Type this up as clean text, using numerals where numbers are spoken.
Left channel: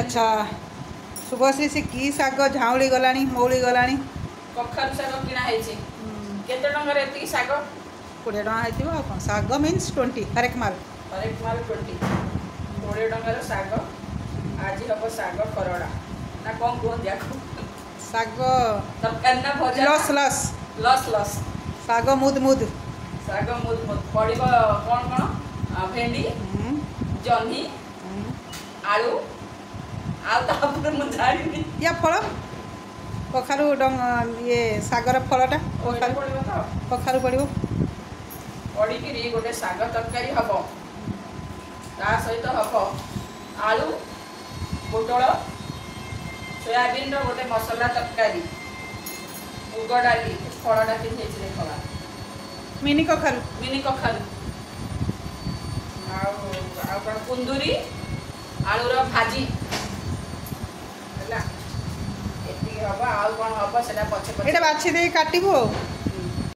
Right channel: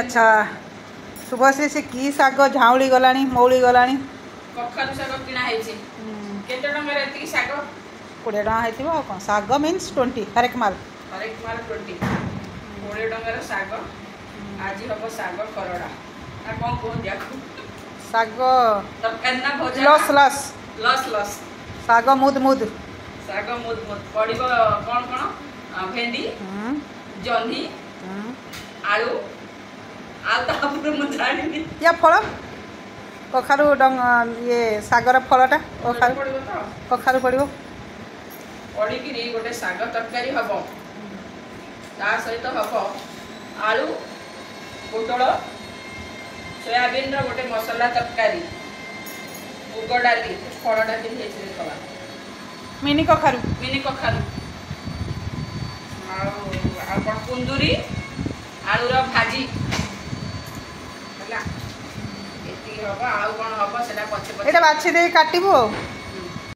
अच्छा शुभश्री से की शाग झाउली गलानी मौली गलानी कखारु शाग किना हेछि केते टंगर एति शाग 20 टका हेतिबो आ कोन शाग मीन्स 20 हरेक माल 20 टंगर शाग आज हम शाग खरड़ा ना कौन कौन जाको शाग तरकारी ना भजा लस लस लस लस शाग मुद मुद पड़िबो कौन कौन भेंडी जन्ही आलू आउ तापर मु जानिनी या फल कखारु ये सागर फलटा कखारु पड़िबो पड़िकी गोटे शाग तरकारी हम ता सहित हम आलू पोटल सोयाबीन गोटे मसला तरकारी मुग डाली फलटा कि देखा मिनी कखारु कुंदूरी आलूर भाजी हम आउ कौन हम से पचे बाछी दे काटबू।